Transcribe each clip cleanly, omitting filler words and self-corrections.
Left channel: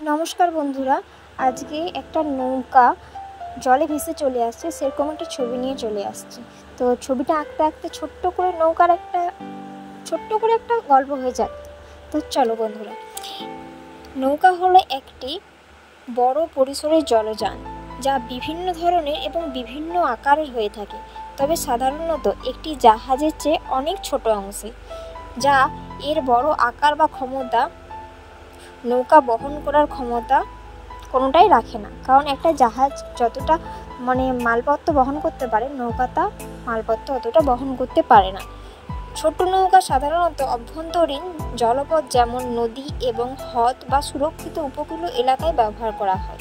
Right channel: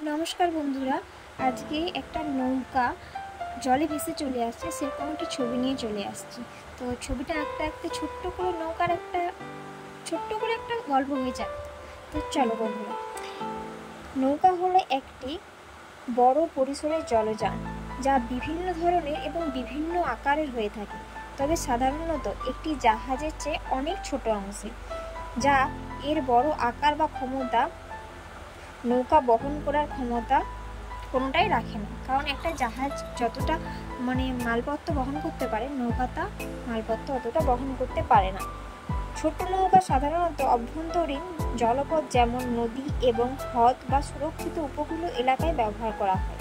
নমস্কার বন্ধুরা, আজকে একটা নৌকা জলে ভেসে চলে আসছে সেরকম একটা ছবি নিয়ে চলে আসছি। তো ছবিটা আঁকতে আঁকতে ছোট্ট করে নৌকার একটা গল্প হয়ে যাক। তো চলো বন্ধুরা, নৌকা হলো একটি বড় পরিসরের জলযান যা বিভিন্ন ধরনের এবং বিভিন্ন আকারের হয়ে থাকে, তবে সাধারণত একটি জাহাজের চেয়ে অনেক ছোট অংশে, যা এর বড় আকার বা ক্ষমতা নৌকা বহন করার ক্ষমতা কোনোটাই রাখে না। কারণ একটা জাহাজ যতটা মালপত্র বহন করতে পারে, নৌকা তা মালপত্র অতটা বহন করতে পারে না। ছোট নৌকা সাধারণত অভ্যন্তরীণ জলপথ যেমন নদী এবং হ্রদ বা সুরক্ষিত উপকূলীয় এলাকায় ব্যবহার করা হয়।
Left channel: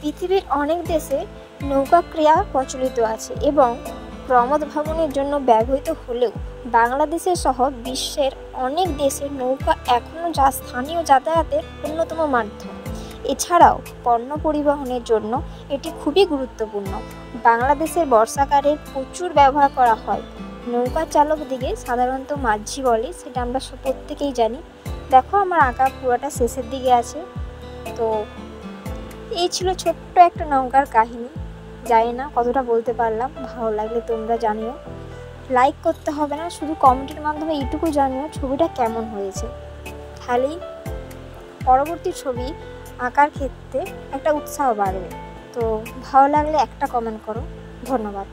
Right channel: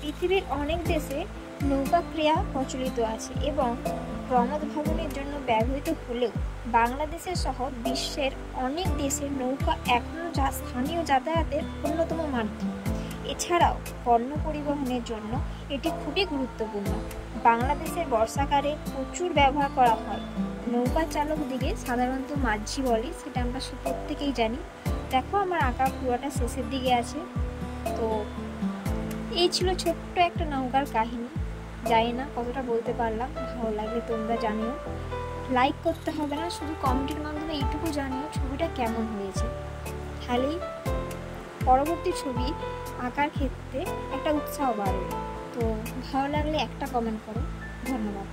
পৃথিবীর অনেক দেশে নৌকা ক্রিয়া প্রচলিত আছে এবং প্রমোদ ভ্রমণের জন্য ব্যবহৃত হলেও বাংলাদেশের সহ বিশ্বের অনেক দেশে নৌকা এখনও স্থানীয় যাতায়াতের অন্যতম মাধ্যম। এছাড়াও পণ্য পরিবহনের জন্য এটি খুবই গুরুত্বপূর্ণ। বাংলাদেশের বর্ষাকালে প্রচুর ব্যবহার করা হয়। নৌকা চালকদিকে সাধারণত মাঝি বলে, সেটা আমরা প্রত্যেকেই জানি। দেখো, আমার আঁকা পুরোটা শেষের দিকে আছে। তো এই ছিল ছোট্ট একটা নৌকার কাহিনী। জানি না কতটা বলতে পারলাম, ভালো লাগলে তোমরা জানিও। লাইক করতে হবে না, শুধু কমেন্টের মাধ্যমে এইটুকু জানিও ছবিটা কেমন হয়েছে। খালি পরবর্তী ছবি আঁকার ক্ষেত্রে একটা উৎসাহ বাড়বে। তো ভালো লাগলে একটা কমেন্ট করো। ধন্যবাদ।